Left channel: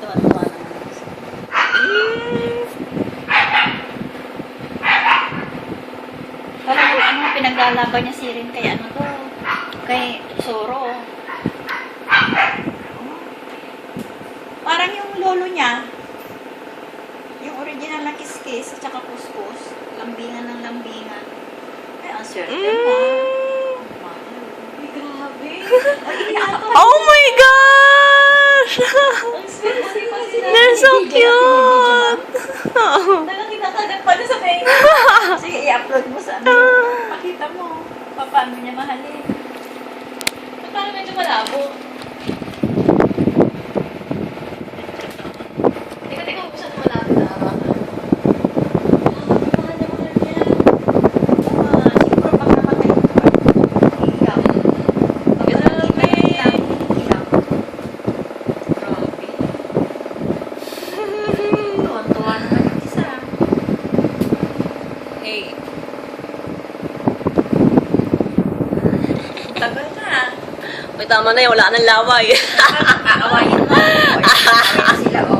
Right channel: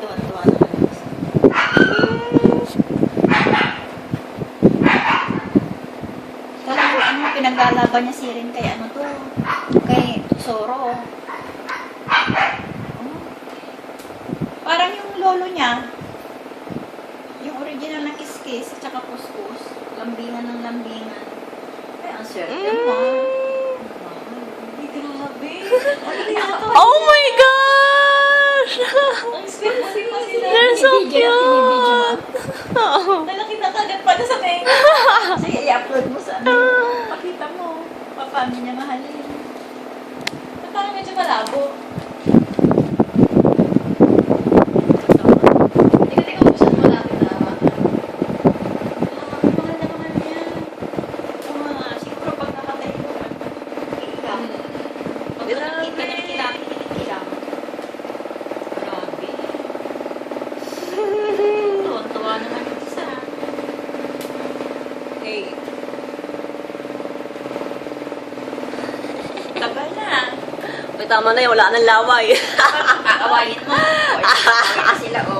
Tuwa-tuwa na kami. Talagang ano, pinaglalaban niya si Rin kay ano to, kay Zoro. Parang yung lolo niya, yung original na kiss-kiss at saka kuskus, lambingan ng lambingan. Ay, ang swerte mo. Ay, grabe. Oh my gosh! Ang swerte pa sila. They're so cute! Talagang kinakagat pala sa tenga. Sige, i-upload mo sa ano. Pakita mo. Paano niya mahalin. Parang medyo malabo. Teka, kung saan malapit na hawakan. Mahal na mahal niya. Siguro pag namatay ko, iiyak. Grabe. Iiyak. Grabe. Tuwan-tuwa naman yung isa. Hey. Tagal na. May tama na yun, wala nang laway. Aawayin mo. Awayin sila, oh.